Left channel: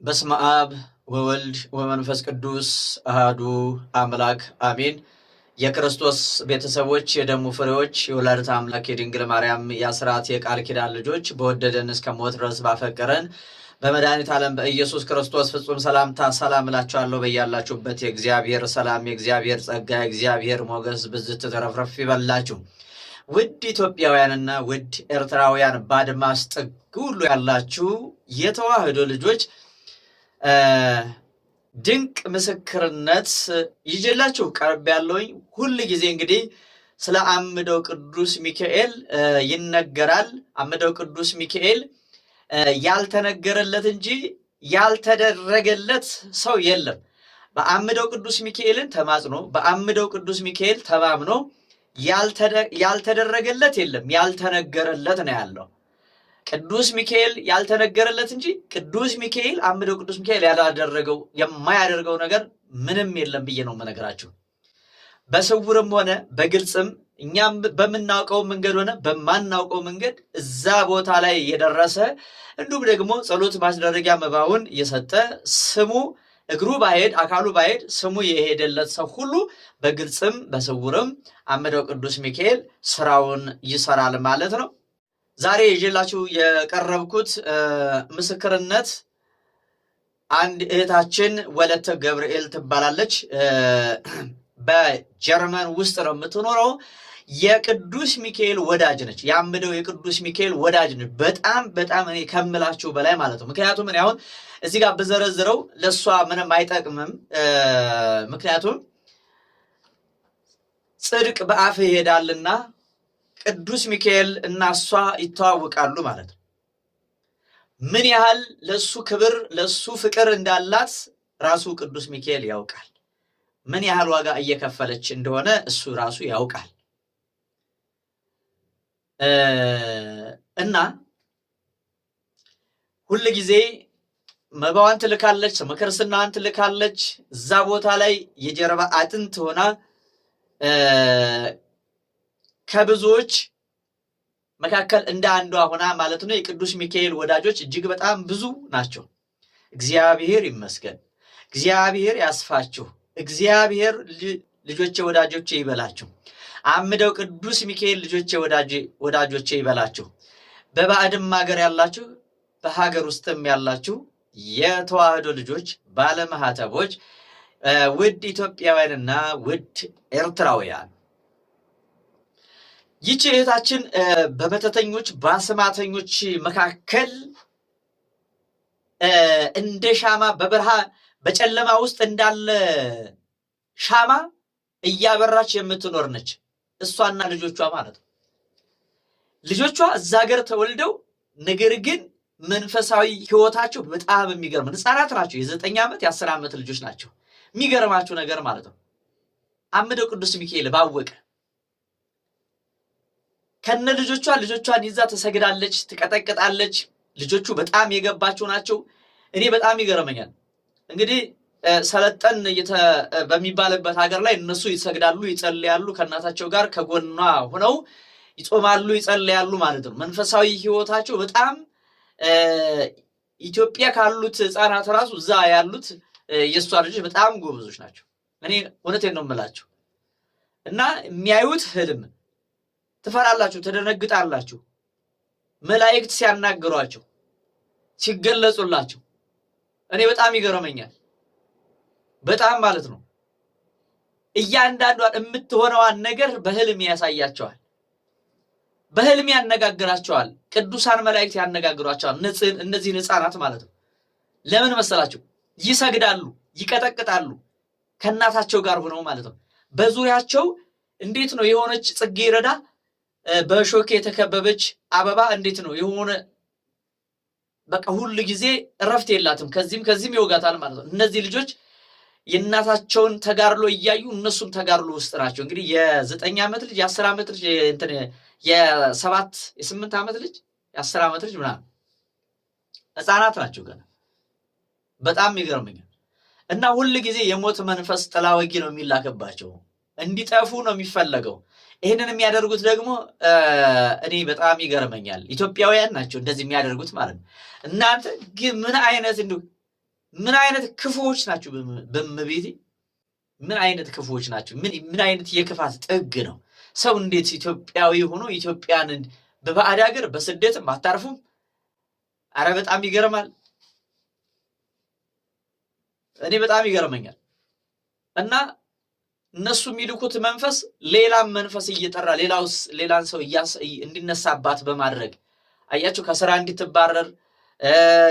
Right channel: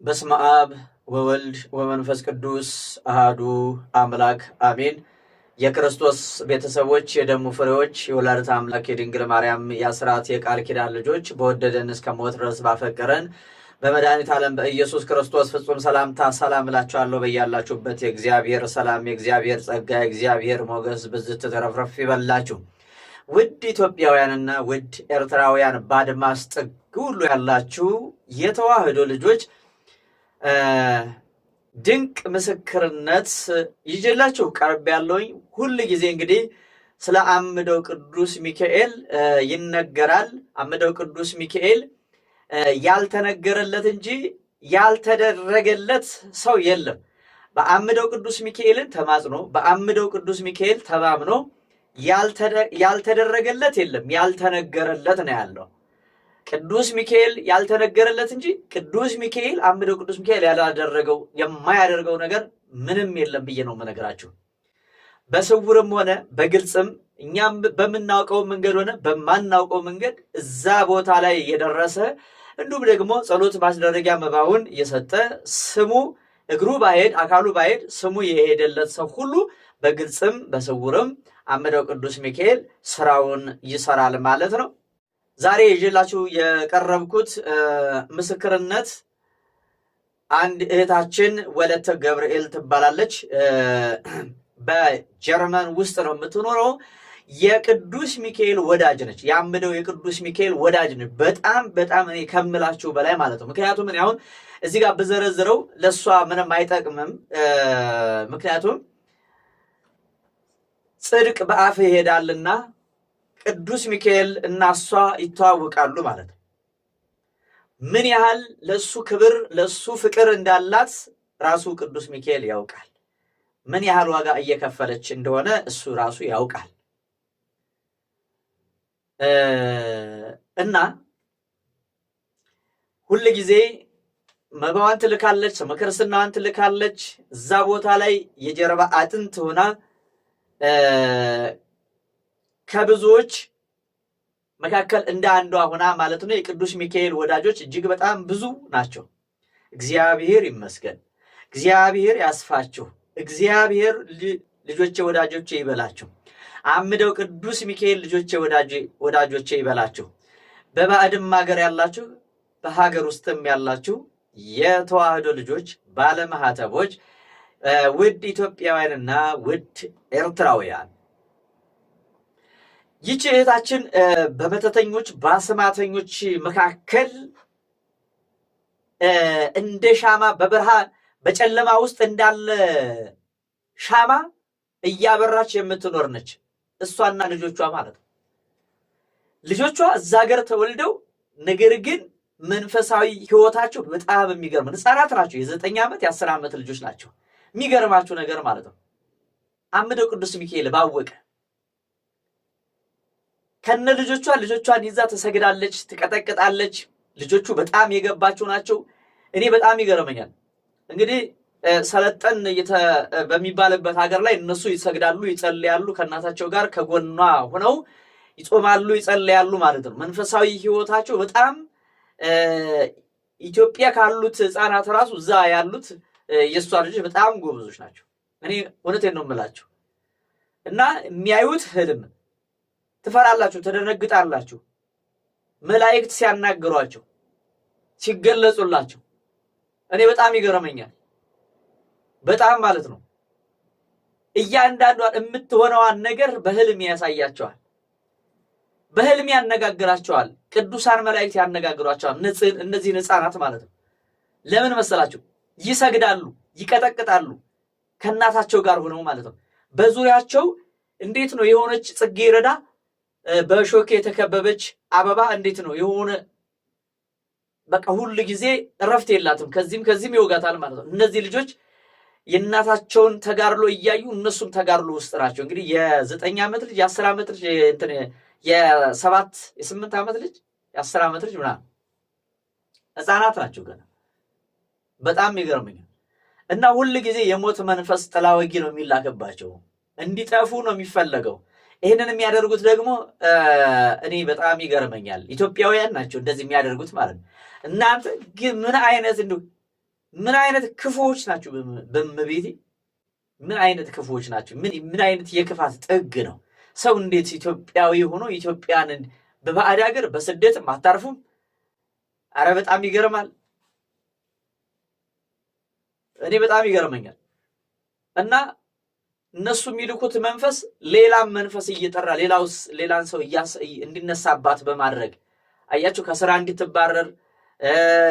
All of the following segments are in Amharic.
በስመ አብ ወወልድ ወመንፈስ ቅዱስ አሃዱ አምላክ አሜን። የክርስቶስ ቤተሰቦች፣ የደሙ ፍሬዎች፣ የወላዲተ አምላክ የድንግል ማርያም የአስራት የቃል ኪዳን ልጆች በወደደን እስከ ሞት ድረስ ባፈቀረን በመድኃኒተ ዓለም በኢየሱስ ክርስቶስ ፍጹም ሰላምታ ሰላም እላችኋለሁ። በያላችሁበት የእግዚአብሔር ሰላም፣ የእግዚአብሔር ጸጋ፣ የእግዚአብሔር ሞገስ ብዝት ተረፍረፍ ይበላችሁ። ውድ ኢትዮጵያውያንና ውድ ኤርትራውያን በአድማስ ጥግ ሁሉ ያላችሁ የተዋህዶ ልጆች ድንቅ ምስክርነት ይዤላችሁ ቀርብ ያለውኝ። ሁል ጊዜ እንግዲህ ስለ አምደው ቅዱስ ሚካኤል ይነገራል። አምደው ቅዱስ ሚካኤል ያልተነገረለት እንጂ ያልተደረገለት ሰው የለም። በአምደው ቅዱስ ሚካኤልን ተማጽኖ በአምደው ቅዱስ ሚካኤል ተማምኖ ያልተደረገለት የለም፣ ያልተነገረለት ነው ያለው። ቅዱስ ሚካኤል ያልተነገረለት እንጂ ቅዱስ ሚካኤል አምደው ቅዱስ ሚካኤል ያላደረገው የማያደርገው ነገር ምንም የለም ብዬ ነው የምነግራችሁ። በስውርም ሆነ በግልጽም እኛም በምናውቀው መንገድ ሆነ በማናውቀው መንገድ እዛ ቦታ ላይ የደረሰ እንዲሁም ደግሞ ጸሎት ማስደረጊያ መባውን የሰጠ ስሙ እግሩ ባሄድ አካሉ ባሄድ ስሙ የሄደለት ሰው ሁሉ በግልጽም በስውርም አምደው ቅዱስ ሚካኤል ስራውን ይሰራል ማለት ነው። ዛሬ ይዤላችሁ የቀረብኩት ምስክርነት አንድ እህታችን ወለተ ገብርኤል ትባላለች። በጀርመን ውስጥ ነው የምትኖረው። የቅዱስ ሚካኤል ወዳጅ ነች። የአምደው የቅዱስ ሚካኤል ወዳጅ ነች። በጣም እኔ ከምላችሁ በላይ ማለት ነው። ምክንያቱም እኔ አሁን እዚህ ጋር ብዘረዝረው ለእሷ ምንም አይጠቅምም። ምክንያቱም ጽድቅ በአፍ ይሄዳልና ቅዱስ ሚካኤል እና እሷ ይተዋወቃሉ ማለት ነው። ምን ያህል ለሱ ክብር ለሱ ፍቅር እንዳላት ራሱ ቅዱስ ሚካኤል ያውቃል። ምን ያህል ዋጋ እየከፈለች እንደሆነ እሱ ራሱ ያውቃል። እና ሁል ጊዜ መባዋን ትልካለች፣ ስመ ክርስትናዋን ትልካለች። እዛ ቦታ ላይ የጀርባ አጥንት ሆና ከብዙዎች መካከል እንደ አንዷ ሆና ማለት ነው። የቅዱስ ሚካኤል ወዳጆች እጅግ በጣም ብዙ ናቸው። እግዚአብሔር ይመስገን። እግዚአብሔር ያስፋችሁ። እግዚአብሔር ልጆቼ ወዳጆቼ ይበላችሁ። አምደው ቅዱስ ሚካኤል ልጆቼ ወዳጆቼ ይበላችሁ። በባዕድም ሀገር ያላችሁ በሀገር ውስጥም ያላችሁ የተዋህዶ ልጆች ባለማህተቦች፣ ውድ ኢትዮጵያውያንና ውድ ኤርትራውያን፣ ይህች እህታችን በመተተኞች በአስማተኞች መካከል እንደ ሻማ በብርሃን በጨለማ ውስጥ እንዳለ ሻማ እያበራች የምትኖር ነች። እሷና ልጆቿ ማለት ነው። ልጆቿ እዛ ሀገር ተወልደው ነገር ግን መንፈሳዊ ህይወታቸው በጣም የሚገርም ህፃናት ናቸው። የ9 ዓመት የ10 ዓመት ልጆች ናቸው። የሚገርማችሁ ነገር ማለት ነው አምደው ቅዱስ ሚካኤል ባወቀ ከነ ልጆቿን ይዛ ተሰግዳለች፣ ትቀጠቅጣለች። ልጆቹ በጣም የገባቸው ናቸው። እኔ በጣም ይገርመኛል። እንግዲህ ሰለጠን በሚባልበት ሀገር ላይ እነሱ ይሰግዳሉ፣ ይጸልያሉ፣ ከእናታቸው ጋር ከጎኗ ሆነው ይጾማሉ፣ ይጸልያሉ ማለት ነው። መንፈሳዊ ህይወታቸው በጣም ኢትዮጵያ ካሉት ህፃናት ራሱ እዛ ያሉት የእሷ ልጆች በጣም ጎበዞች ናቸው። እኔ እውነቴን ነው የምላችሁ። እና የሚያዩት ህልም ትፈራላችሁ፣ ተደነግጣላችሁ። መላእክት ሲያናግሯቸው ሲገለጹላቸው እኔ በጣም ይገርመኛል። በጣም ማለት ነው። እያንዳንዷን የምትሆነዋን ነገር በህልም ያሳያቸዋል፣ በህልም ያነጋግራቸዋል። ቅዱሳን መላእክት ያነጋግሯቸዋል። እነዚህን ህፃናት ማለት ነው። ለምን መሰላችሁ? ይሰግዳሉ፣ ይቀጠቅጣሉ ከእናታቸው ጋር ሆነው ማለት ነው። በዙሪያቸው እንዴት ነው የሆነች ጽጌረዳ በእሾክ የተከበበች አበባ እንዴት ነው የሆነ በቃ ሁሉ ጊዜ እረፍት የላትም። ከዚህም ይወጋታል ማለት ነው። እነዚህ ልጆች የእናታቸውን ተጋድሎ እያዩ እነሱም ተጋድሎ ውስጥ ናቸው። እንግዲህ የ9 ዓመት ልጅ የ10 ዓመት ልጅ የ8 ዓመት ልጅ የ10 ዓመት ልጅ ምናምን ህፃናት ናቸው ገና። በጣም ይገርመኛል። እና ሁል ጊዜ የሞት መንፈስ ጥላ ወጊ ነው የሚላክባቸው፣ እንዲጠፉ ነው የሚፈለገው። ይህንን የሚያደርጉት ደግሞ እኔ በጣም ይገርመኛል። ኢትዮጵያውያን ናቸው እንደዚህ የሚያደርጉት ማለት ነው። እናንተ ግን ምን አይነት ምን አይነት ክፉዎች ናቸው በእመቤቴ ምን አይነት ክፉዎች ናቸው ምን አይነት የክፋት ጥግ ነው ሰው እንዴት ኢትዮጵያዊ ሆኖ ኢትዮጵያን በባዕድ ሀገር በስደትም አታርፉም አረ በጣም ይገርማል እኔ በጣም ይገርመኛል እና እነሱ የሚልኩት መንፈስ ሌላም መንፈስ እየጠራ ሌላን ሰው እንዲነሳባት በማድረግ አያችሁ ከስራ እንድትባረር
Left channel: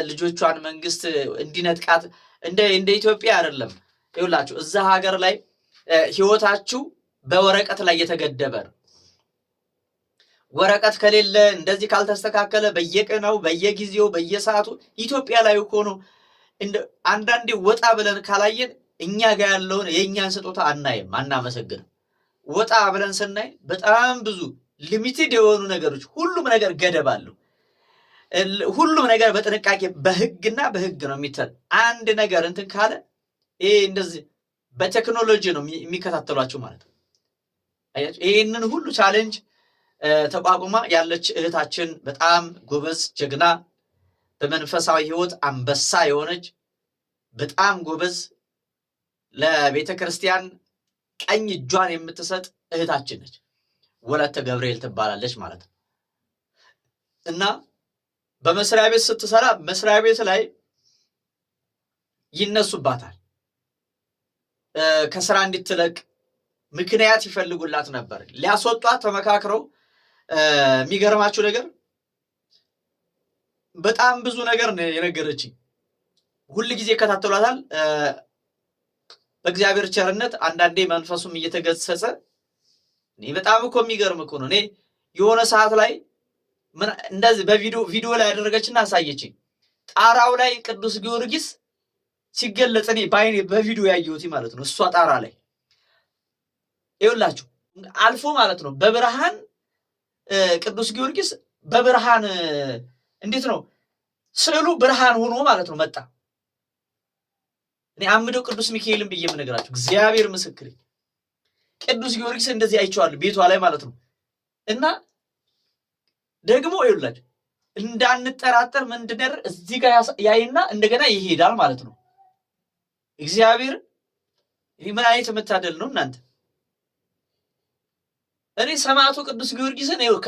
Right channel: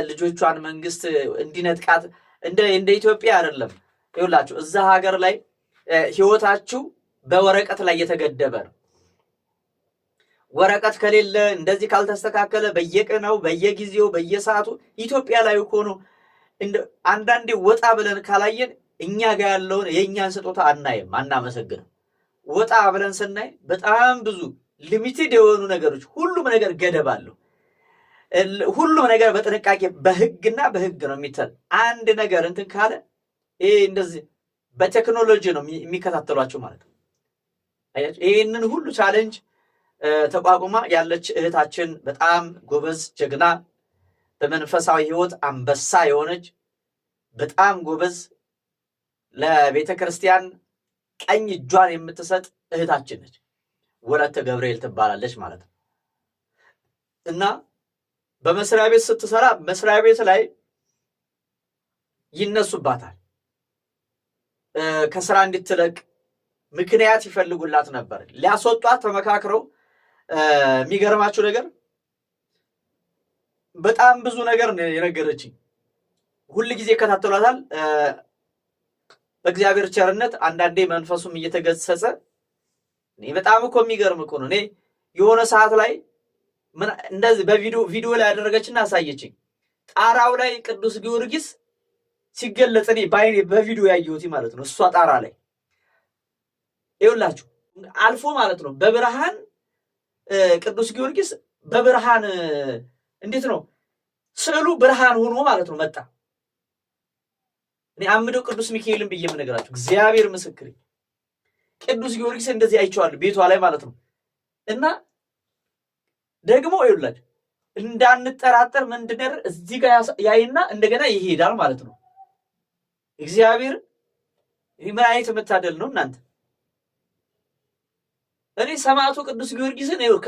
ልጆቿን መንግስት እንዲነጥቃት እንደ ኢትዮጵያ አይደለም ይውላችሁ እዛ ሀገር ላይ ህይወታችሁ በወረቀት ላይ የተገደበ ወረቀት ከሌለ እንደዚህ ካልተስተካከለ በየቀኑ በየጊዜው በየሰዓቱ ኢትዮጵያ ላይ ሆኖ አንዳንዴ ወጣ ብለን ካላየን እኛ ጋር ያለውን የኛን ስጦታ አናይም አናመሰግንም ወጣ ብለን ስናይ በጣም ብዙ ሊሚትድ የሆኑ ነገሮች ሁሉም ነገር ገደብ አለው ሁሉም ነገር በጥንቃቄ በህግና በህግ ነው የሚተል አንድ ነገር እንትን ካለ ይሄ እንደዚህ በቴክኖሎጂ ነው የሚከታተሏቸው ማለት ነው አያችሁ ይሄንን ሁሉ ቻሌንጅ ተቋቁማ ያለች እህታችን በጣም ጎበዝ ጀግና በመንፈሳዊ ህይወት አንበሳ የሆነች በጣም ጎበዝ ለቤተክርስቲያን ቀኝ እጇን የምትሰጥ እህታችን ነች ወለተ ገብርኤል ትባላለች ማለት ነው እና በመስሪያ ቤት ስትሰራ መስሪያ ቤት ላይ ይነሱባታል ከስራ እንድትለቅ ምክንያት ይፈልጉላት ነበር ሊያስወጧት ተመካክረው የሚገርማችሁ ነገር በጣም ብዙ ነገር የነገረችኝ ሁሉ ጊዜ ከተተሏታል በእግዚአብሔር ቸርነት አንዳንዴ መንፈሱም እየተገሰጸ እኔ በጣም እኮ የሚገርም እኮ ነው እኔ የሆነ ሰዓት ላይ እንደዚህ በቪዲዮ ላይ ያደረገችና አሳየችኝ ጣራው ላይ ቅዱስ ጊዮርጊስ ሲገለጽ እኔ ባይኔ በቪዲዮ ያየሁት ማለት ነው እሷ ጣራ ላይ ይውላችሁ አልፎ ማለት ነው በብርሃን ቅዱስ ጊዮርጊስ በብርሃን እንዴት ነው ስዕሉ ብርሃን ሆኖ ማለት ነው መጣ እኔ አምደው ቅዱስ ሚካኤልን ብዬ የምነግራችሁ እግዚአብሔር ምስክሬ ቅዱስ ጊዮርጊስ እንደዚህ አይቼዋለሁ ቤቷ ላይ ማለት ነው እና ደግሞ ይውላችሁ እንዳንጠራጠር ምንድነው እዚህ ጋር ያይና እንደገና ይሄዳል ማለት ነው እግዚአብሔር ምን አይነት መታደል ነው እናንተ እኔ ሰማዕቱ ቅዱስ ጊዮርጊስን ይኸው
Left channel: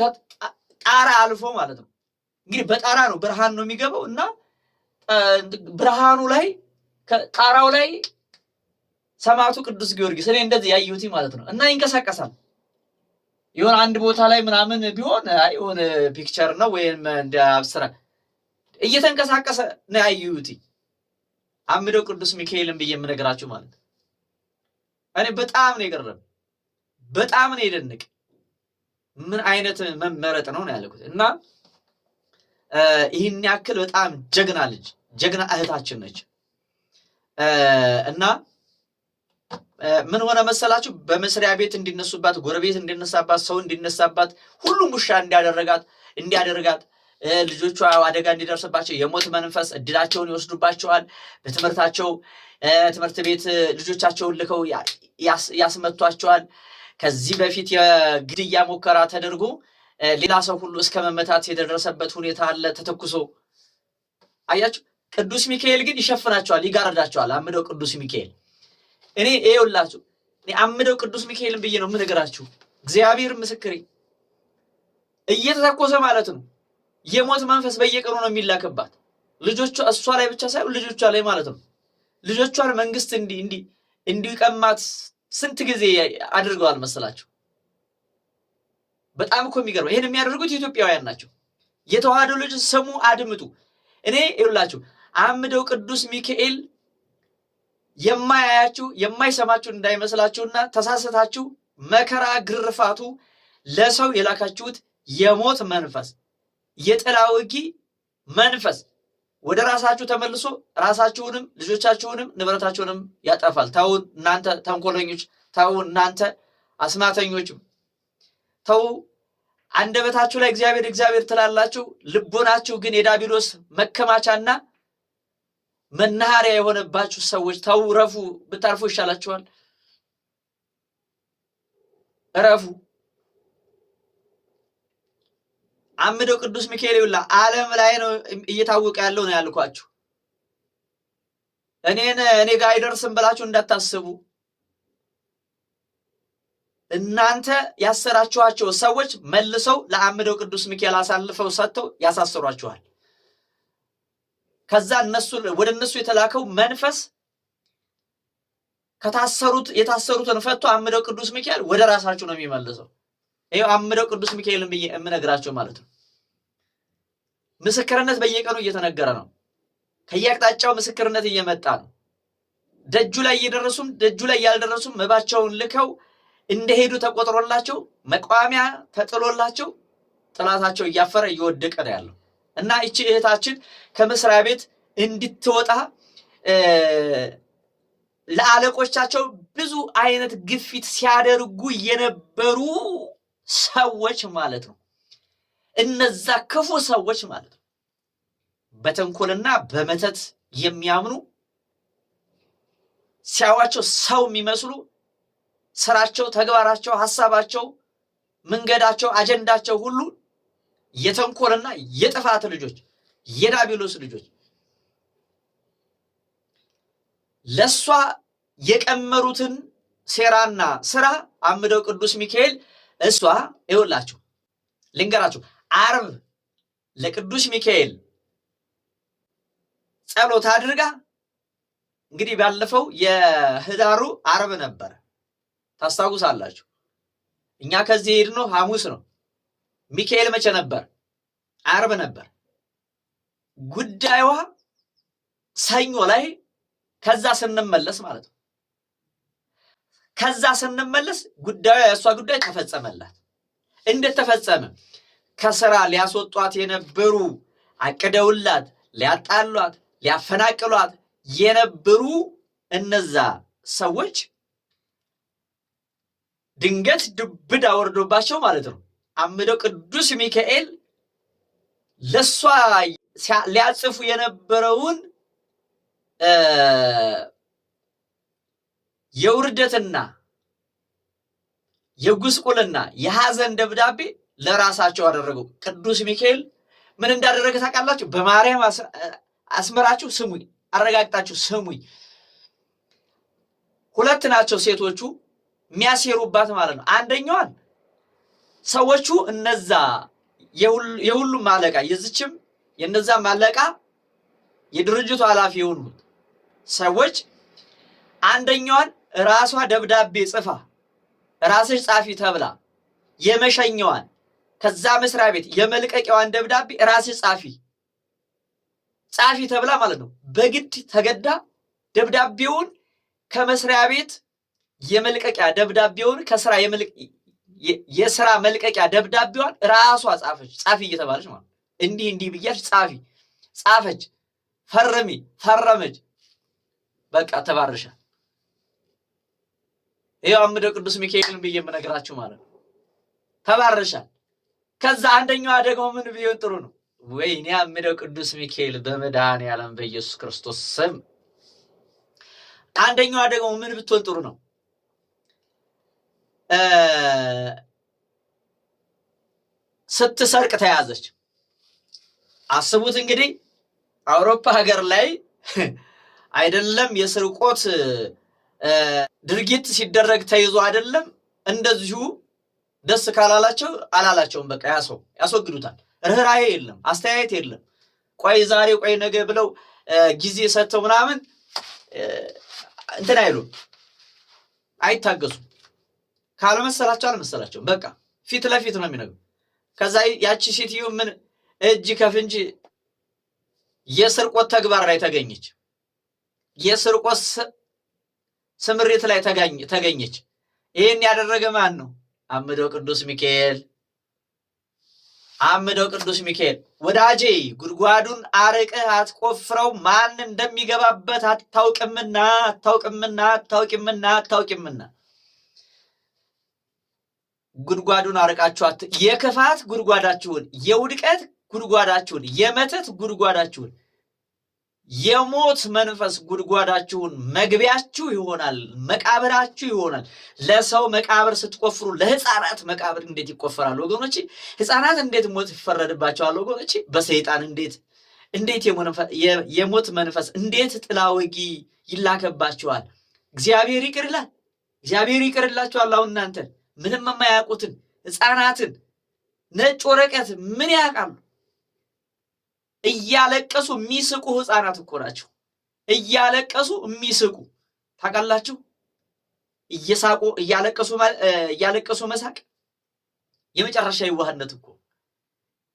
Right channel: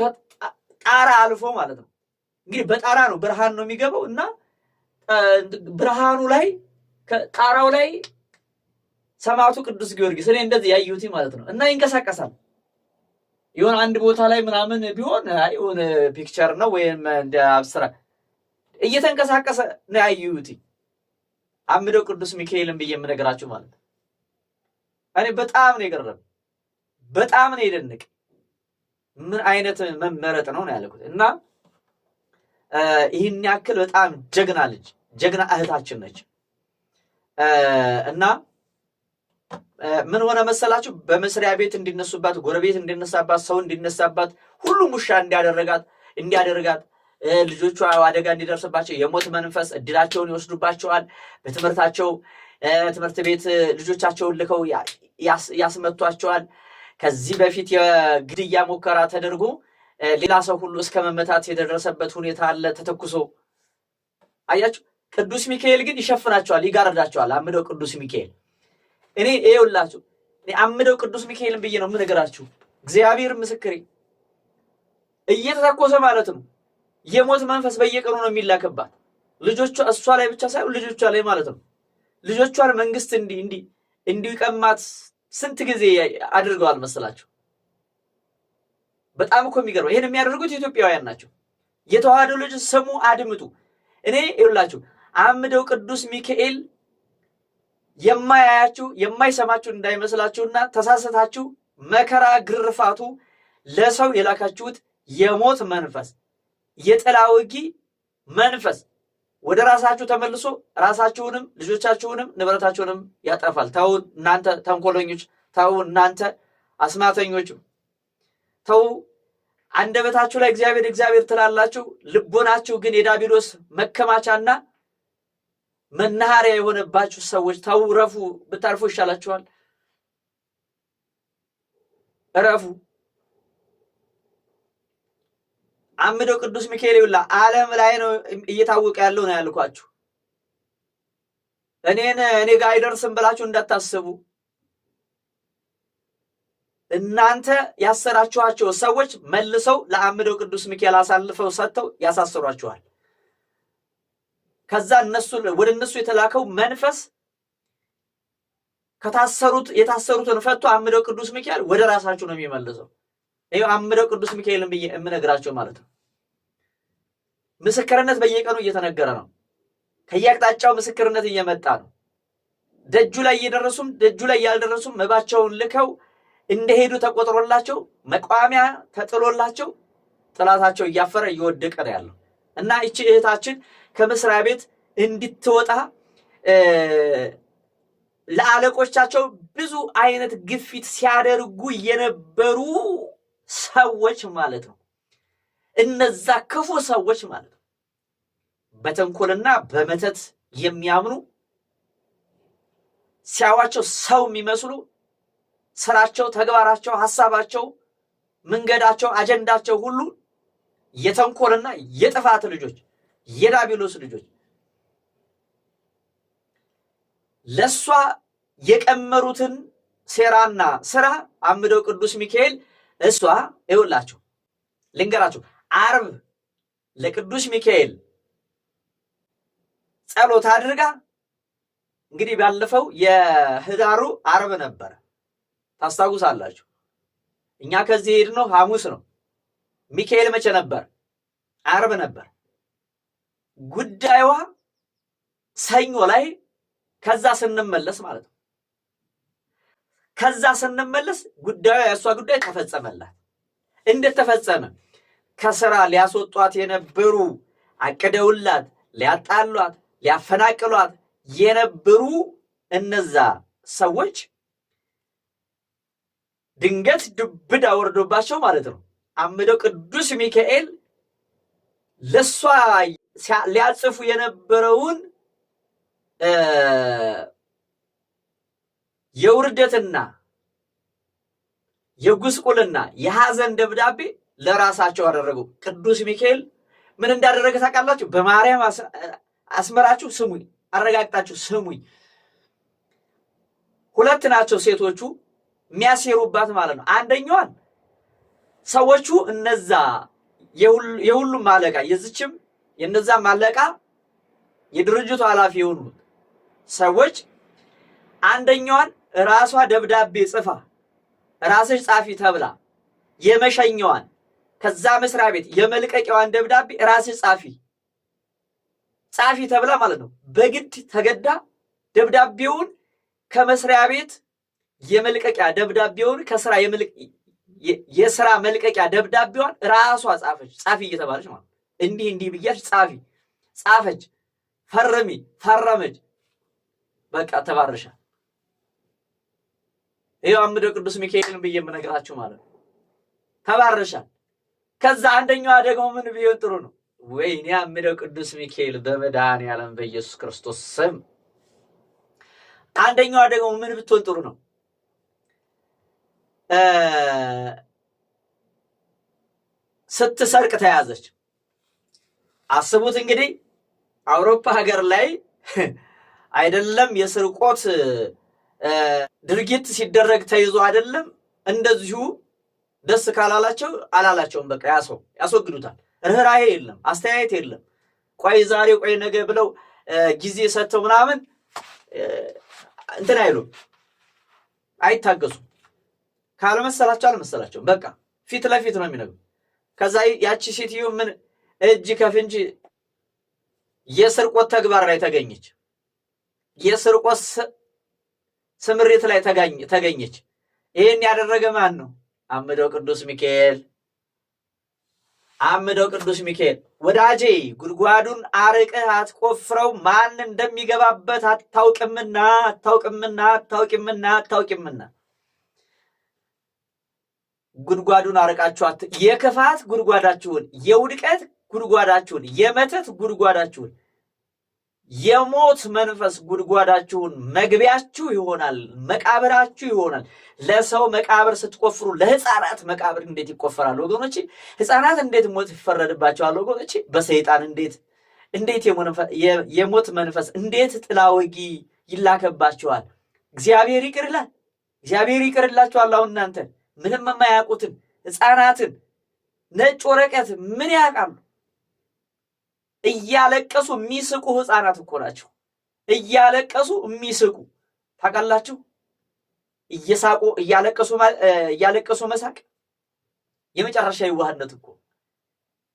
ጣራ አልፎ ማለት ነው እንግዲህ በጣራ ነው ብርሃን ነው የሚገባው እና ብርሃኑ ላይ ጣራው ላይ ሰማዕቱ ቅዱስ ጊዮርጊስ እኔ እንደዚህ ያዩት ማለት ነው እና ይንቀሳቀሳል ይሁን አንድ ቦታ ላይ ምናምን ቢሆን አይሁን ፒክቸር ነው ወይም እንደ አብስራ እየተንቀሳቀሰ ነው ያዩት አምደው ቅዱስ ሚካኤልን ብዬ የምነግራችሁ ማለት እኔ በጣም ነው የገረመኝ በጣም ነው የደነቀ ምን አይነት መመረጥ ነው ያልኩት እና ይሄን ያክል በጣም ጀግና ልጅ ጀግና እህታችን ነች እና ምን ሆነ መሰላችሁ በመስሪያ ቤት እንዲነሱባት ጎረቤት እንዲነሳባት ሰው እንዲነሳባት ሁሉም ውሻ እንዲያደርጋት ልጆቿ አደጋ እንዲደርስባቸው የሞት መንፈስ እድላቸውን ይወስዱባቸዋል በትምህርታቸው ትምህርት ቤት ልጆቻቸውን ልከው ያስመቷቸዋል ከዚህ በፊት የግድያ ሙከራ ተደርጎ ሌላ ሰው ሁሉ እስከ መመታት የደረሰበት ሁኔታ አለ ተተኩሶ አያችሁ ቅዱስ ሚካኤል ግን ይሸፍናቸዋል ይጋርዳቸዋል አምደው ቅዱስ ሚካኤል እኔ ይኸውላችሁ እኔ አምደው ቅዱስ ሚካኤልን ብዬ ነው የምነግራችሁ እግዚአብሔር ምስክሬ እየተተኮሰ ማለት ነው የሞት መንፈስ በየቀኑ ነው የሚላከባት ልጆቿ እሷ ላይ ብቻ ሳይሆን ልጆቿ ላይ ማለት ነው ልጆቿን መንግስት እንዲቀማት ስንት ጊዜ አድርገዋል መሰላችሁ በጣም እኮ የሚገርመው ይሄን የሚያደርጉት ኢትዮጵያውያን ናቸው የተዋህዶ ልጅ ስሙ አድምጡ እኔ ይኸውላችሁ አምደው ቅዱስ ሚካኤል የማያያችሁ የማይሰማችሁ እንዳይመስላችሁና ተሳሰታችሁ መከራ ግርፋቱ ለሰው የላካችሁት የሞት መንፈስ የጥላውጊ መንፈስ ወደ ራሳችሁ ተመልሶ ራሳችሁንም ልጆቻችሁንም ንብረታችሁንም ያጠፋል ታው እናንተ ተንኮለኞች ታው እናንተ አስማተኞች ታው አንደበታችሁ ላይ እግዚአብሔር ትላላችሁ ልቦናችሁ ግን የዳቢሎስ መከማቻና መናኸሪያ የሆነባችሁ ሰዎች ታው ረፉ ብታርፉ ይሻላችኋል ረፉ አምደው ቅዱስ ሚካኤል ይውላ ዓለም ላይ ነው እየታወቀ ያለው ነው ያልኳችሁ እኔ ጋር አይደርስም ብላችሁ እንዳታስቡ። እናንተ ያሰራችኋቸው ሰዎች መልሰው ለአምደው ቅዱስ ሚካኤል አሳልፈው ሰጥተው ያሳስሯችኋል። ከዛ ወደ እነሱ የተላከው መንፈስ የታሰሩትን ፈቶ አምደው ቅዱስ ሚካኤል ወደ ራሳቸው ነው የሚመልሰው። ይሄው አምደው ቅዱስ ሚካኤልን ብዬ የምነግራቸው ማለት ነው። ምስክርነት በየቀኑ እየተነገረ ነው። ከየአቅጣጫው ምስክርነት እየመጣ ነው። ደጁ ላይ እየደረሱም ደጁ ላይ ያልደረሱም መባቸውን ልከው እንደሄዱ ተቆጥሮላቸው መቋሚያ ተጥሎላቸው ጥላታቸው እያፈረ እየወደቀ ነው ያለው እና እቺ እህታችን ከመስሪያ ቤት እንድትወጣ ለአለቆቻቸው ብዙ አይነት ግፊት ሲያደርጉ የነበሩ ሰዎች ማለት ነው። እነዛ ክፉ ሰዎች ማለት ነው በተንኮልና በመተት የሚያምኑ ሲያዋቸው ሰው የሚመስሉ ስራቸው፣ ተግባራቸው፣ ሐሳባቸው፣ መንገዳቸው፣ አጀንዳቸው ሁሉ የተንኮልና የጥፋት ልጆች፣ የዳቢሎስ ልጆች ለሷ የቀመሩትን ሴራና ስራ አምደው ቅዱስ ሚካኤል እሷ ይውላችሁ ልንገራችሁ ዓርብ ለቅዱስ ሚካኤል ጸሎት አድርጋ እንግዲህ ባለፈው የህዳሩ ዓርብ ነበር ታስታውሳላችሁ። እኛ ከዚህ ሄድነው ሐሙስ ነው። ሚካኤል መቼ ነበር? ዓርብ ነበር። ጉዳዩዋ ሰኞ ላይ ከዛ ስንመለስ ማለት ነው። ከዛ ስንመለስ ጉዳዩ የእሷ ጉዳይ ተፈጸመላት። እንዴት ተፈጸመ? ከስራ ሊያስወጧት የነበሩ አቅደውላት ሊያጣሏት ሊያፈናቅሏት የነበሩ እነዛ ሰዎች ድንገት ድብዳ ወርዶባቸው ማለት ነው አምደው ቅዱስ ሚካኤል ለሷ ሊያጽፉ የነበረውን የውርደትና የጉስቁልና የሐዘን ደብዳቤ ለራሳቸው አደረጉ። ቅዱስ ሚካኤል ምን እንዳደረገ ታውቃላችሁ? በማርያም አስመራችሁ ስሙኝ፣ አረጋግጣችሁ ስሙኝ። ሁለት ናቸው ሴቶቹ የሚያሴሩባት ማለት ነው። አንደኛዋን ሰዎቹ እነዛ የሁሉም አለቃ የዚችም የነዛም አለቃ የድርጅቱ ኃላፊ የሆኑት ሰዎች አንደኛዋን ራሷ ደብዳቤ ጽፋ ራስሽ ጻፊ ተብላ የመሸኛዋን ከዛ መስሪያ ቤት የመልቀቂያዋን ደብዳቤ ራስሽ ጻፊ ተብላ ማለት ነው በግድ ተገዳ ደብዳቤውን ከመስሪያ ቤት የመልቀቂያ ደብዳቤውን ከስራ የስራ መልቀቂያ ደብዳቤዋን ራሷ ጻፊ እየተባለች ማለት እንዲህ ብያች ጻፈች፣ ፈረመች። በቃ ተባረሻል። ይሄው አምደው ቅዱስ ሚካኤልን ብዬ የምነግራችሁ ማለት ነው ተባረሻል። ከዛ አንደኛዋ ደግሞ ምን ቢሆን ጥሩ ነው? ወይኔ አምደው ቅዱስ ሚካኤል በመድኃኔዓለም በኢየሱስ ክርስቶስ ስም አንደኛዋ ደግሞ ምን ብትሆን ጥሩ ነው? ስትሰርቅ ተያዘች። አስቡት እንግዲህ አውሮፓ ሀገር ላይ አይደለም የስርቆት ድርጊት ሲደረግ ተይዞ አይደለም እንደዚሁ ደስ ካላላቸው አላላቸውም። በቃ ያስወግዱታል። ርህራሄ የለም፣ አስተያየት የለም። ቆይ ዛሬ ቆይ ነገ ብለው ጊዜ ሰጥተው ምናምን እንትን አይሉም፣ አይታገሱም። ካልመሰላቸው አልመሰላቸውም። በቃ ፊት ለፊት ነው የሚነግሩ። ከዛ ያቺ ሴትዮ ምን እጅ ከፍንጅ የስርቆት ተግባር ላይ ተገኘች። የስርቆት ስምሪት ላይ ተገኘች። ይሄን ያደረገ ማን ነው? አምደው ቅዱስ ሚካኤል። ወዳጄ ጉድጓዱን አርቀህ አትቆፍረው፣ ማን እንደሚገባበት አታውቅምና ጉድጓዱን አርቃችሁ የክፋት ጉድጓዳችሁን፣ የውድቀት ጉድጓዳችሁን፣ የመተት ጉድጓዳችሁን፣ የሞት መንፈስ ጉድጓዳችሁን መግቢያችሁ ይሆናል፣ መቃብራችሁ ይሆናል። ለሰው መቃብር ስትቆፍሩ ለሕፃናት መቃብር እንዴት ይቆፈራል ወገኖቼ? ሕፃናት እንዴት ሞት ይፈረድባቸዋል ወገኖቼ? በሰይጣን እንዴት የሞት መንፈስ እንዴት ጥላ ወጊ ይላከባቸዋል። እግዚአብሔር ይቅር ይላል። እግዚአብሔር ይቅርላቸዋል። አሁን እናንተ ምንም የማያውቁትን ሕፃናትን ነጭ ወረቀት ምን ያውቃሉ? እያለቀሱ የሚስቁ ሕፃናት እኮ ናቸው። እያለቀሱ የሚስቁ ታውቃላችሁ? እየሳቁ እያለቀሱ መሳቅ የመጨረሻ የዋህነት እኮ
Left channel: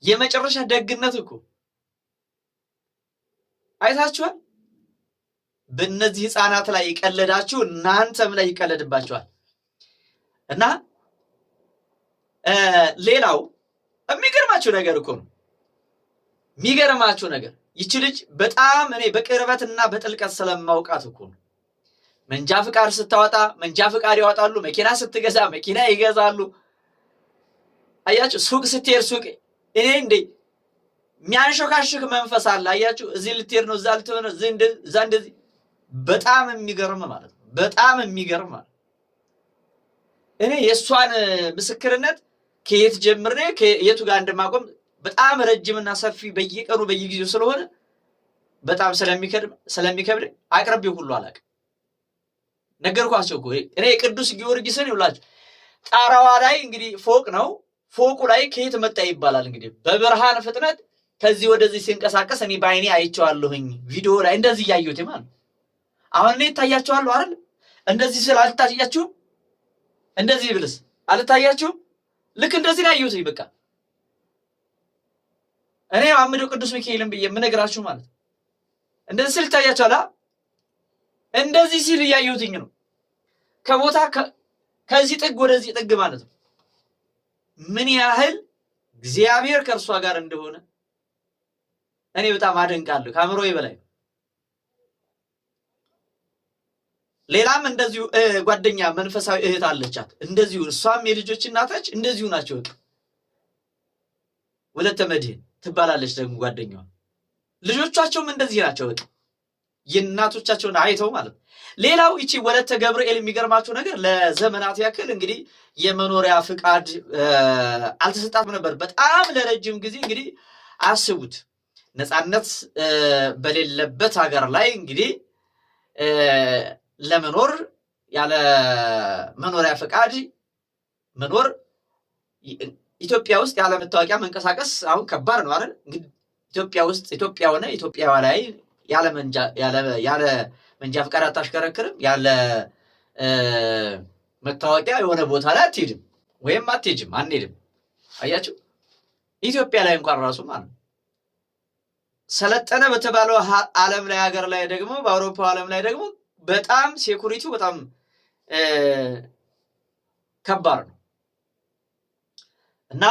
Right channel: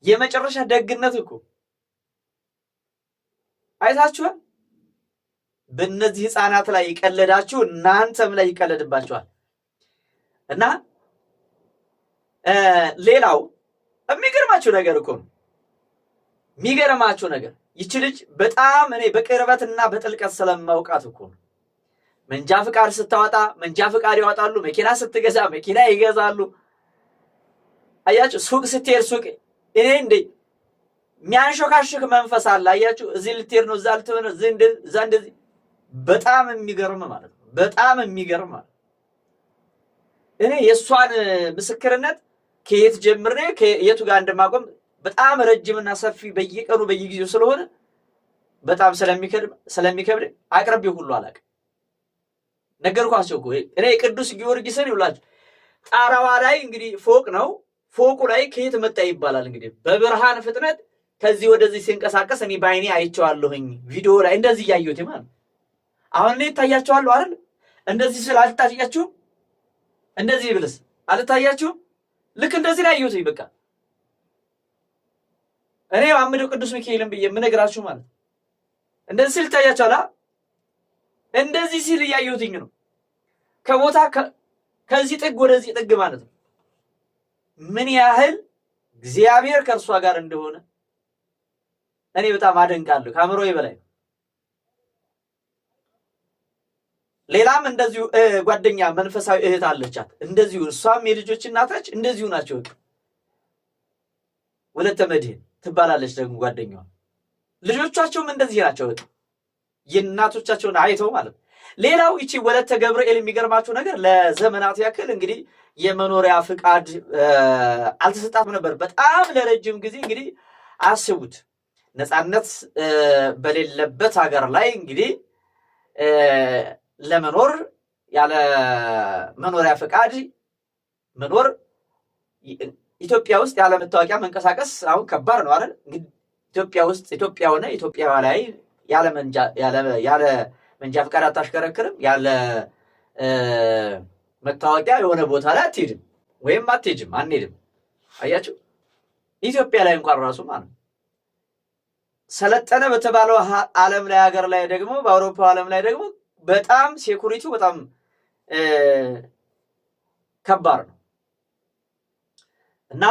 የመጨረሻ ደግነት እኮ አይታችኋል። በእነዚህ ሕፃናት ላይ ይቀለዳችሁ እናንተም ላይ ይቀለድባችኋል። እና ሌላው የሚገርማችሁ ነገር እኮ ነው። የሚገርማችሁ ነገር ይቺ ልጅ በጣም እኔ በቅርበትና በጥልቀት ስለማውቃት እኮ ነው። መንጃ ፍቃድ ስታወጣ መንጃ ፍቃድ ያወጣሉ። መኪና ስትገዛ መኪና ይገዛሉ። አያችሁ፣ ሱቅ ስትሄድ ሱቅ እኔ እንዴ የሚያንሾካሽክ መንፈስ አለ። አያችሁ፣ እዚህ ልትሄድ ነው፣ እዛ ልትሆን ነው፣ እዛ እንደዚህ። በጣም የሚገርም ማለት ነው። በጣም የሚገርም ማለት እኔ የእሷን ምስክርነት ከየት ጀምሬ ከየቱ ጋር እንደማቆም በጣም ረጅምና ሰፊ በየቀኑ በየጊዜው ስለሆነ በጣም ስለሚከብድ አቅርቤ ሁሉ አላውቅም። ነገርኳቸው እኮ እኔ ቅዱስ ጊዮርጊስን ይውላችሁ ጣራዋ ላይ እንግዲህ ፎቅ ነው። ፎቁ ላይ ከየት መጣ ይባላል እንግዲህ በብርሃን ፍጥነት ከዚህ ወደዚህ ሲንቀሳቀስ እኔ በአይኔ አይቼዋለሁኝ። ቪዲዮ ላይ እንደዚህ እያየሁት ማለት አሁን እኔ ታያቸዋለሁ አይደል? እንደዚህ ስለ አልታያችሁም? እንደዚህ ብልስ አልታያችሁም? ልክ እንደዚህ ላይ አየሁት። በቃ እኔ አምደው ቅዱስ ሚካኤልን ብዬ የምነግራችሁ ማለት እንደዚህ ስል ታያችኋል። እንደዚህ ሲል እያየሁትኝ ነው። ከቦታ ከዚህ ጥግ ወደዚህ ጥግ ማለት ነው። ምን ያህል እግዚአብሔር ከእርሷ ጋር እንደሆነ እኔ በጣም አደንቃለሁ። ከአእምሮዬ በላይ ነው። ሌላም እንደዚሁ ጓደኛ መንፈሳዊ እህት አለቻት። እንደዚሁ እሷም የልጆች እናታች እንደዚሁ ናቸው። ወለተ መድህን ትባላለች ደግሞ ጓደኛዋ። ልጆቻቸውም እንደዚህ ናቸው። የእናቶቻቸውን አይተው ማለት ነው። ሌላው ይቺ ወለተ ገብርኤል የሚገርማችሁ ነገር ለዘመናት ያክል እንግዲህ የመኖሪያ ፍቃድ አልተሰጣትም ነበር። በጣም ለረጅም ጊዜ እንግዲህ አስቡት፣ ነፃነት በሌለበት ሀገር ላይ እንግዲህ ለመኖር ያለ መኖሪያ ፍቃድ መኖር ኢትዮጵያ ውስጥ ያለ መታወቂያ መንቀሳቀስ አሁን ከባድ ነው አይደል? እንግዲህ ኢትዮጵያ ውስጥ ኢትዮጵያ ሆነ ኢትዮጵያ ላይ ያለ መንጃ ፍቃድ አታሽከረክርም። ያለ መታወቂያ የሆነ ቦታ ላይ አትሄድም ወይም አትሄጅም፣ አንሄድም። አያችሁ፣ ኢትዮጵያ ላይ እንኳን ራሱ ማለት ነው ሰለጠነ በተባለው ዓለም ላይ ሀገር ላይ ደግሞ በአውሮፓ ዓለም ላይ ደግሞ በጣም ሴኩሪቲው በጣም ከባድ ነው እና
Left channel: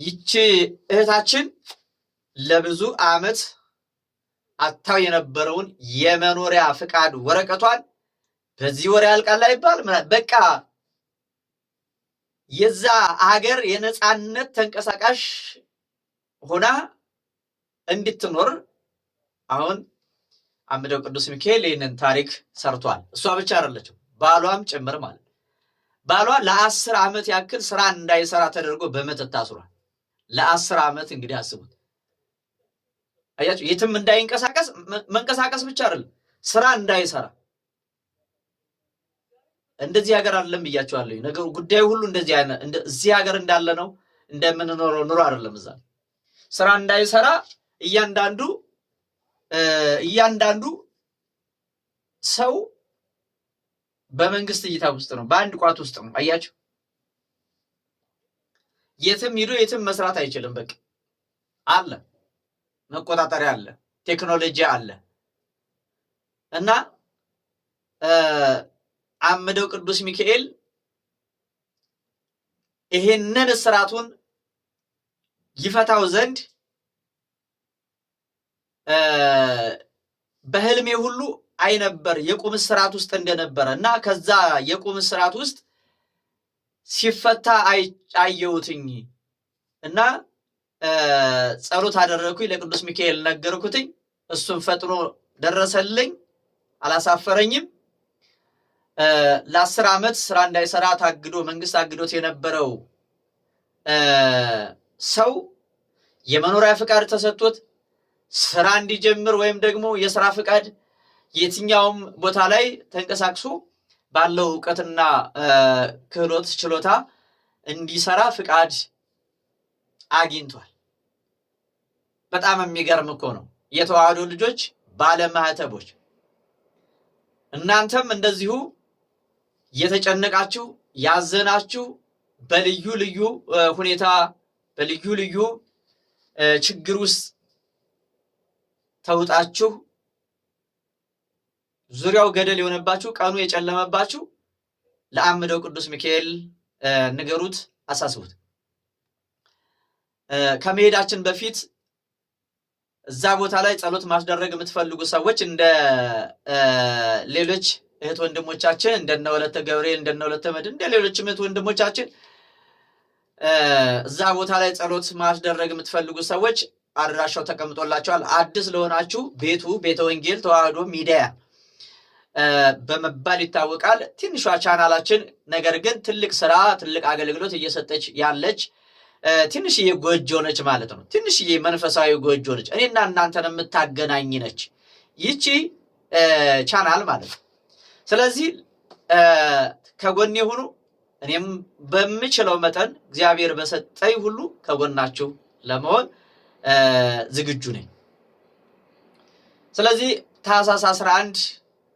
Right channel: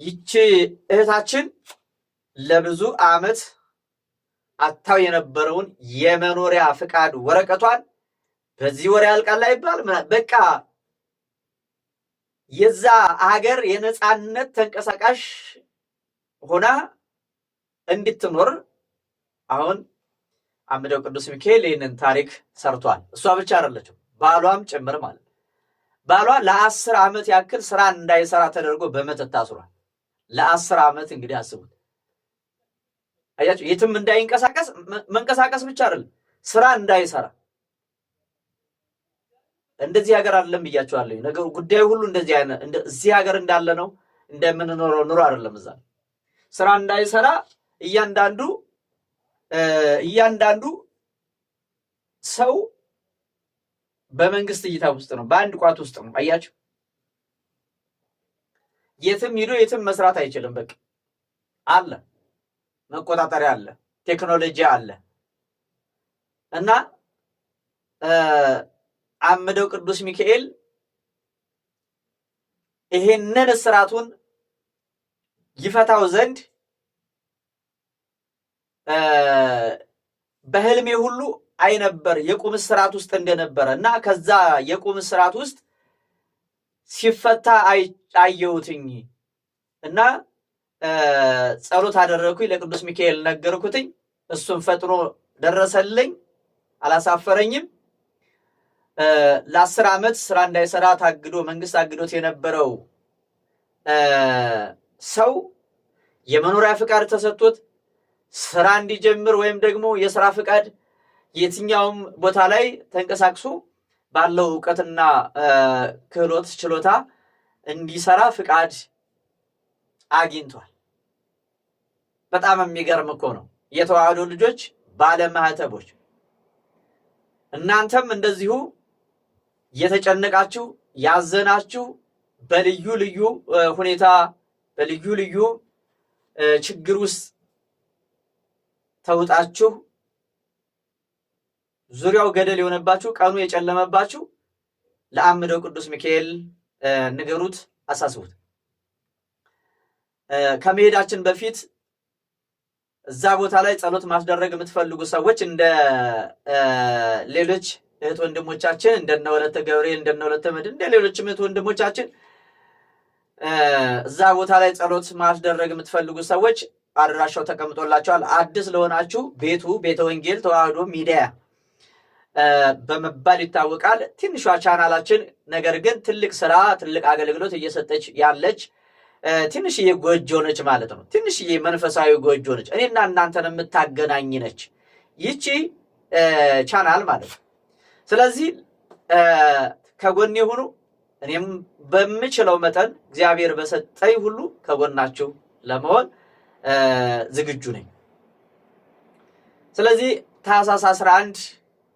ይቺ እህታችን ለብዙ ዓመት አታው የነበረውን የመኖሪያ ፍቃድ ወረቀቷን በዚህ ወር ያልቃል አይባል በቃ የዛ ሀገር የነፃነት ተንቀሳቃሽ ሆና እንድትኖር አሁን አምደው ቅዱስ ሚካኤል ይህንን ታሪክ ሰርቷል። እሷ ብቻ አይደለችም፣ ባሏም ጭምር ማለት ባሏ ለ10 ዓመት ያክል ስራ እንዳይሰራ ተደርጎ በመተት ታስሯል። ለ10 ዓመት እንግዲህ አስቡት። አያችሁ፣ የትም እንዳይንቀሳቀስ መንቀሳቀስ ብቻ አይደለም ስራ እንዳይሰራ። እንደዚህ ሀገር አይደለም ብያችኋለሁ። ነገሩ ጉዳዩ ሁሉ እንደዚህ አይነት እዚህ ሀገር እንዳለ ነው እንደምንኖረው ኑሮ አይደለም። እዛ ስራ እንዳይሰራ እያንዳንዱ ሰው በመንግስት እይታ ውስጥ ነው፣ በአንድ ቋት ውስጥ ነው። አያችሁ፣ የትም ሂዶ የትም መስራት አይችልም። በቃ አለ መቆጣጠሪያ አለ፣ ቴክኖሎጂ አለ እና አምደው ቅዱስ ሚካኤል ይሄንን እስራቱን ይፈታው ዘንድ በህልሜ ሁሉ አይነበር የቁም እስራት ውስጥ እንደነበረ እና ከዛ የቁም እስራት ውስጥ ሲፈታ አየሁትኝ እና ጸሎት አደረኩኝ፣ ለቅዱስ ሚካኤል ነገርኩትኝ። እሱም ፈጥኖ ደረሰልኝ፣ አላሳፈረኝም። ለ10 ዓመት ስራ እንዳይሰራ ታግዶ መንግስት አግዶት የነበረው ሰው የመኖሪያ ፍቃድ ተሰጥቶት ስራ እንዲጀምር ወይም ደግሞ የስራ ፍቃድ የትኛውም ቦታ ላይ ተንቀሳቅሶ ባለው ዕውቀትና ክህሎት ችሎታ እንዲሰራ ፍቃድ አግኝቷል። በጣም የሚገርም እኮ ነው። የተዋህዶ ልጆች ባለማህተቦች እናንተም እንደዚሁ የተጨነቃችሁ ያዘናችሁ በልዩ ልዩ ሁኔታ በልዩ ልዩ ችግር ውስጥ ተውጣችሁ ዙሪያው ገደል የሆነባችሁ ቀኑ የጨለመባችሁ ለአምደው ቅዱስ ሚካኤል ንገሩት፣ አሳስቡት። ከመሄዳችን በፊት እዛ ቦታ ላይ ጸሎት ማስደረግ የምትፈልጉ ሰዎች እንደ ሌሎች እህት ወንድሞቻችን እንደነ ወለተ ገብርኤል እንደነ ወለተ መድን እንደ ሌሎችም እህት ወንድሞቻችን እዛ ቦታ ላይ ጸሎት ማስደረግ የምትፈልጉ ሰዎች አድራሻው ተቀምጦላችኋል። አዲስ ለሆናችሁ ቤቱ ቤተ ወንጌል ተዋህዶ ሚዲያ በመባል ይታወቃል። ትንሿ ቻናላችን ነገር ግን ትልቅ ስራ ትልቅ አገልግሎት እየሰጠች ያለች ትንሽዬ ጎጆ ነች ማለት ነው። ትንሽዬ መንፈሳዊ ጎጆ ነች። እኔና እናንተን የምታገናኝ ነች ይቺ ቻናል ማለት ነው። ስለዚህ ከጎኔ ሁኑ። እኔም በምችለው መጠን እግዚአብሔር በሰጠኝ ሁሉ ከጎናችሁ ለመሆን ዝግጁ ነኝ። ስለዚህ ታኅሳስ 11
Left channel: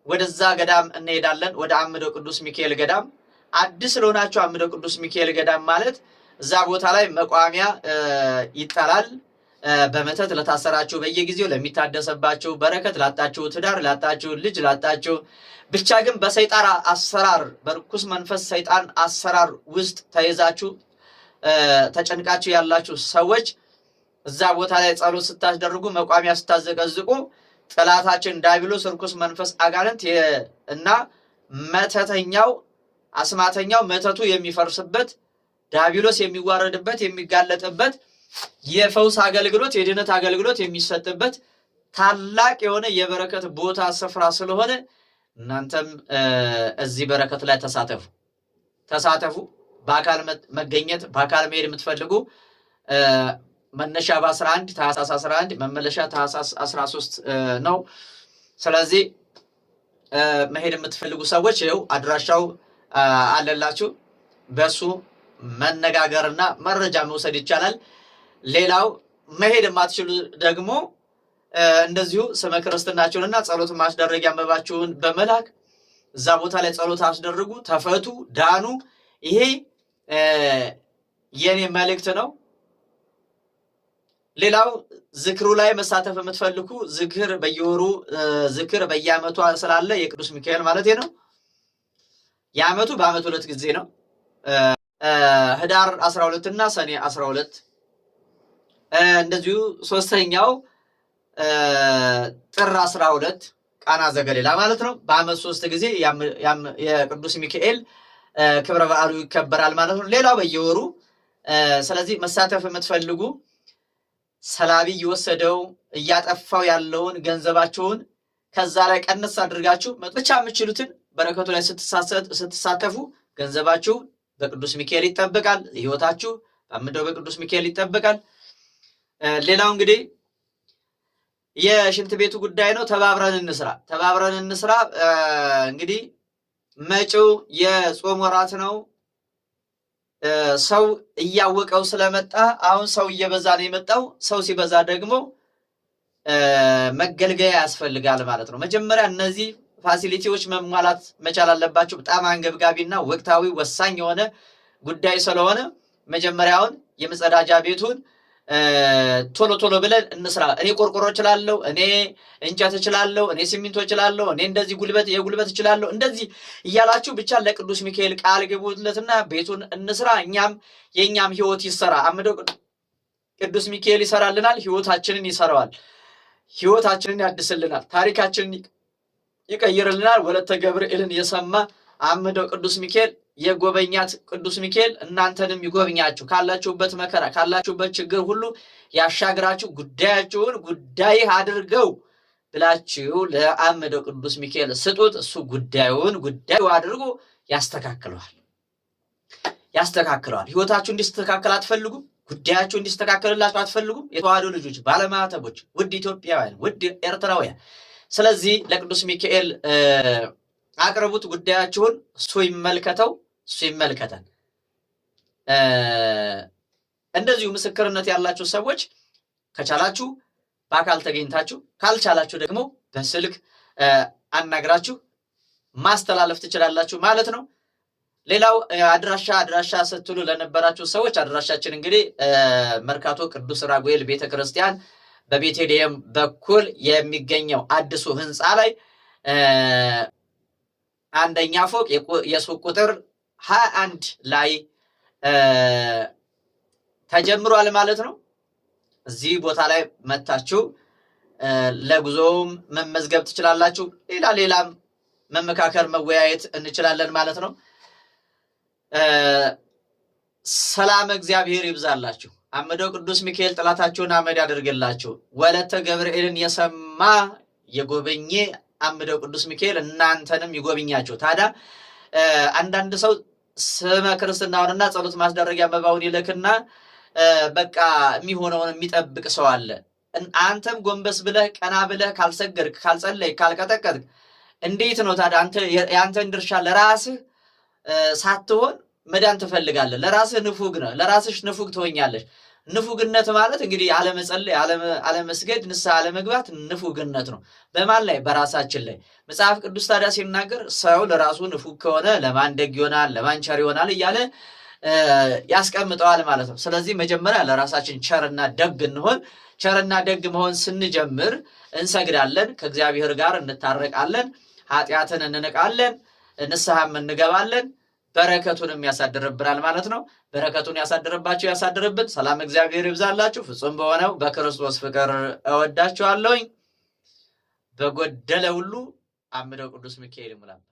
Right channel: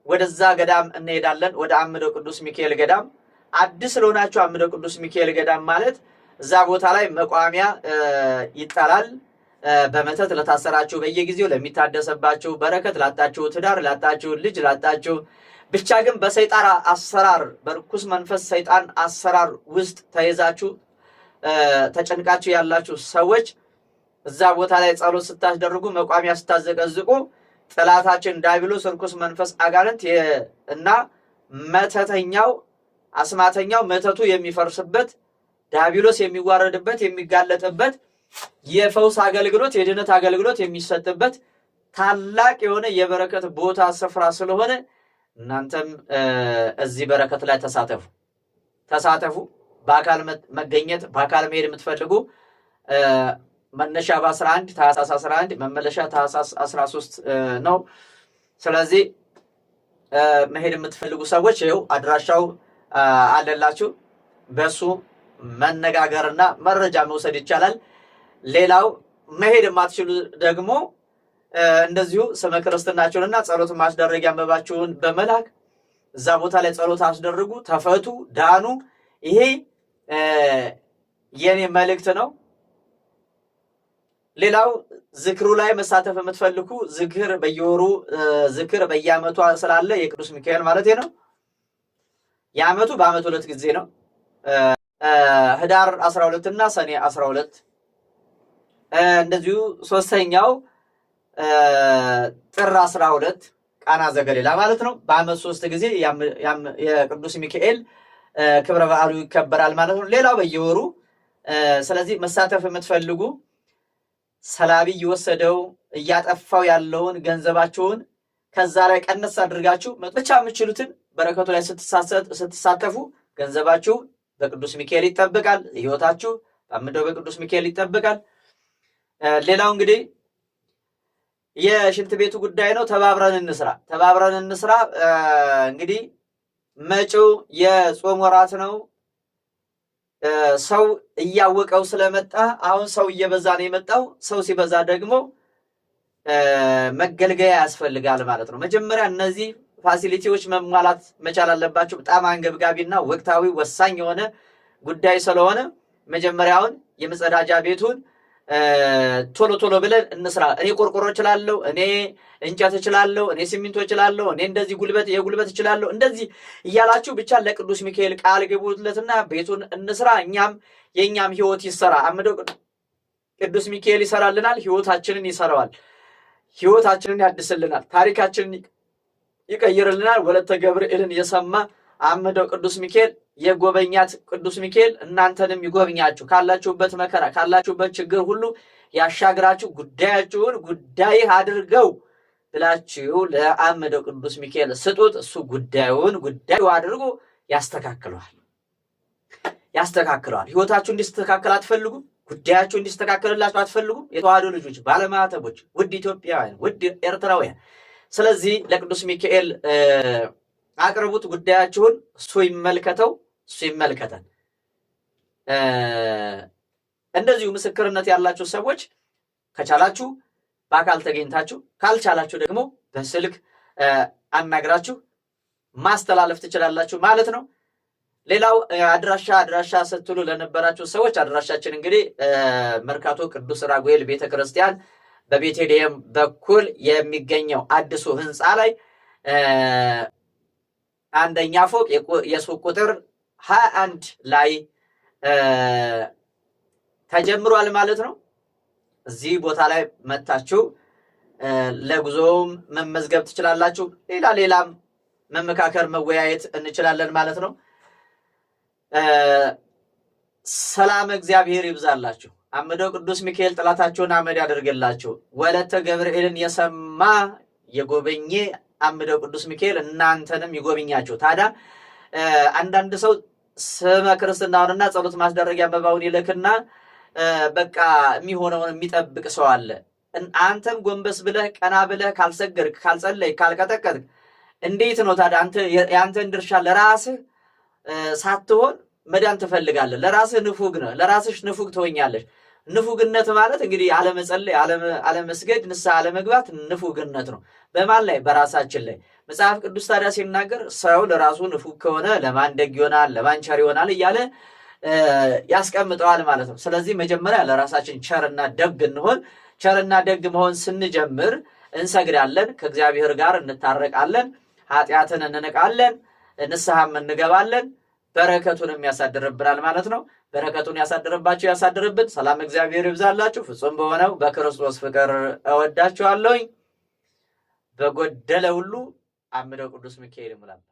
ወደዛ ገዳም እንሄዳለን፣ ወደ አምደው ቅዱስ ሚካኤል ገዳም። አዲስ ለሆናችሁ አምደው ቅዱስ ሚካኤል ገዳም ማለት እዛ ቦታ ላይ መቋሚያ ይጣላል። በመተት ለታሰራችሁ፣ በየጊዜው ለሚታደሰባችሁ፣ በረከት ላጣችሁ፣ ትዳር ላጣችሁ፣ ልጅ ላጣችሁ፣ ብቻ ግን በሰይጣን አሰራር በርኩስ መንፈስ ሰይጣን አሰራር ውስጥ ተይዛችሁ ተጨንቃችሁ ያላችሁ ሰዎች እዛ ቦታ ላይ ጸሎት ስታስደርጉ መቋሚያ ስታዘቀዝቁ ጠላታችን ዲያብሎስ ርኩስ መንፈስ አጋንንት እና መተተኛው አስማተኛው መተቱ የሚፈርስበት ዲያብሎስ የሚዋረድበት የሚጋለጥበት የፈውስ አገልግሎት የድነት አገልግሎት የሚሰጥበት ታላቅ የሆነ የበረከት ቦታ ስፍራ ስለሆነ እናንተም እዚህ በረከት ላይ ተሳተፉ። በአካል መገኘት በአካል መሄድ የምትፈልጉ መነሻ በ11 ታኅሳስ 11 መመለሻ ታኅሳስ 13 ነው። ስለዚህ መሄድ የምትፈልጉ ሰዎች ይኸው አድራሻው አለላችሁ። በሱ መነጋገርና መረጃ መውሰድ ይቻላል። ሌላው መሄድ የማትችሉ ደግሞ እንደዚሁ ስመ ክርስትናችሁንና ጸሎት ማስደረጊያ መባችሁን በመላክ እዛ ቦታ ላይ ጸሎት አስደርጉ፣ ተፈቱ፣ ዳኑ። ይሄ የኔ መልእክት ነው። ሌላው ዝክሩ ላይ መሳተፍ የምትፈልጉ ዝክር በየወሩ ዝክር በየዓመቱ ስላለ የቅዱስ ሚካኤል ማለት ነው። የዓመቱ በዓመት 2 ጊዜ ነው። ህዳር 12 እና ሰኔ 12 እንደዚሁ ሶስተኛው ጥር 12 ቃና ዘገሊላ ማለት ነው። በዓመት 3 ጊዜ የቅዱስ ሚካኤል ክብረ በዓሉ ይከበራል ማለት ነው። ሌላው በየወሩ ስለዚህ መሳተፍ የምትፈልጉ ሰላቢ እየወሰደው እያጠፋው ያለውን ገንዘባችሁን ከዛ ላይ ቀነስ አድርጋችሁ ብቻ የምትችሉትን በረከቱ ላይ ስትሳተፉ ገንዘባችሁ በቅዱስ ሚካኤል ይጠበቃል። ህይወታችሁ በአምደው በቅዱስ ሚካኤል ይጠበቃል። ሌላው እንግዲህ የሽንት ቤቱ ጉዳይ ነው። ተባብረን እንስራ። እንግዲህ መጪው የጾም ወራት ነው። ሰው እያወቀው ስለመጣ አሁን ሰው እየበዛ ነው የመጣው። ሰው ሲበዛ ደግሞ መገልገያ ያስፈልጋል ማለት ነው። መጀመሪያ እነዚህ ፋሲሊቲዎች መሟላት መቻል አለባቸው። በጣም አንገብጋቢና ወቅታዊ ወሳኝ የሆነ ጉዳይ ስለሆነ መጀመሪያውን የመጸዳጃ ቤቱን ቶሎ ብለን እንስራ። እኔ ቆርቆሮ እችላለሁ፣ እኔ እንጨት እችላለሁ፣ እኔ ሲሚንቶ እችላለሁ፣ እኔ እንደዚህ የጉልበት እችላለሁ፣ እንደዚህ እያላችሁ ብቻ ለቅዱስ ሚካኤል ቃል ግቡለትና ቤቱን እንስራ። የኛም ህይወት ይሰራ። አምደው ቅዱስ ሚካኤል ይሰራልናል፣ ህይወታችንን ይሰራዋል፣ ህይወታችንን ያድስልናል፣ ታሪካችንን ይቀይርልናል። ወለተ ገብርኤልን የሰማ አምደው ቅዱስ ሚካኤል የጎበኛት ቅዱስ ሚካኤል እናንተንም ይጎብኛችሁ፣ ካላችሁበት መከራ ካላችሁበት ችግር ሁሉ ያሻግራችሁ፣ ጉዳያችሁን ጉዳይ አድርገው ብላችሁ ለአምደው ቅዱስ ሚካኤል ስጡት። እሱ ጉዳዩ አድርጎ ያስተካክለዋል። ህይወታችሁ እንዲስተካከል አትፈልጉ? ጉዳያችሁ እንዲስተካከልላችሁ አትፈልጉም? የተዋሕዶ ልጆች፣ ባለማዕተቦች፣ ውድ ኢትዮጵያውያን፣ ውድ ኤርትራውያን። ስለዚህ ለቅዱስ ሚካኤል አቅርቡት ጉዳያችሁን። እሱ ይመልከተው፣ እሱ ይመልከተን። እንደዚሁ ምስክርነት ያላችሁ ሰዎች ከቻላችሁ በአካል ተገኝታችሁ፣ ካልቻላችሁ ደግሞ በስልክ አናግራችሁ ማስተላለፍ ትችላላችሁ ማለት ነው። ሌላው አድራሻ ስትሉ ለነበራችሁ ሰዎች አድራሻችን እንግዲህ መርካቶ ቅዱስ ራጉኤል ቤተክርስቲያን በቤተልሔም በኩል የሚገኘው አዲሱ ህንፃ ላይ አንደኛ ፎቅ የሱቅ ቁጥር 21 ላይ ተጀምሯል ማለት ነው። እዚህ ቦታ ላይ መታችሁ ለጉዞም መመዝገብ ትችላላችሁ። ሌላም መመካከር መወያየት እንችላለን ማለት ነው። ሰላም እግዚአብሔር ይብዛላችሁ። አምደው ቅዱስ ሚካኤል ጠላታችሁን አመድ ያደርግላችሁ። ወለተ ገብርኤልን የሰማ የጎበኘ አምደው ቅዱስ ሚካኤል እናንተንም ይጎብኛችሁ። ታዲያ አንዳንድ ሰው ስመ ክርስትናውንና ጸሎት ማስደረጊያ መባውን ይልክና በቃ የሚሆነውን የሚጠብቅ ሰው አለ። አንተም ጎንበስ ብለህ ቀና ብለህ ካልሰገድክ፣ ካልጸለይ፣ ካልቀጠቀጥክ እንዴት ነው ታዲያ አንተ የአንተን ድርሻ ለራስህ ሳትሆን መዳን ትፈልጋለህ? ለራስህ ንፉግ ነህ፣ ለራስሽ ንፉግ ትሆኛለሽ። ንፉግነት ማለት እንግዲህ አለመጸለይ፣ አለመስገድ፣ ንስሐ አለመግባት ንፉግነት ነው። በማን ላይ? በራሳችን ላይ። መጽሐፍ ቅዱስ ታዲያ ሲናገር ሰው ለራሱ ንፉግ ከሆነ ለማን ደግ ይሆናል፣ ለማን ቸር ይሆናል እያለ ያስቀምጠዋል ማለት ነው። ስለዚህ መጀመሪያ ለራሳችን ቸርና ደግ እንሆን። ቸርና ደግ መሆን ስንጀምር እንሰግዳለን፣ ከእግዚአብሔር ጋር እንታረቃለን፣ ኃጢአትን እንንቃለን፣ ንስሐም እንገባለን። በረከቱንም ያሳድርብናል ማለት ነው። በረከቱን ያሳድርባችሁ፣ ያሳድርብን። ሰላም እግዚአብሔር ይብዛላችሁ። ፍጹም በሆነው በክርስቶስ ፍቅር እወዳችኋለሁኝ። በጎደለ ሁሉ አምደው ቅዱስ ሚካኤል ይሙላበት።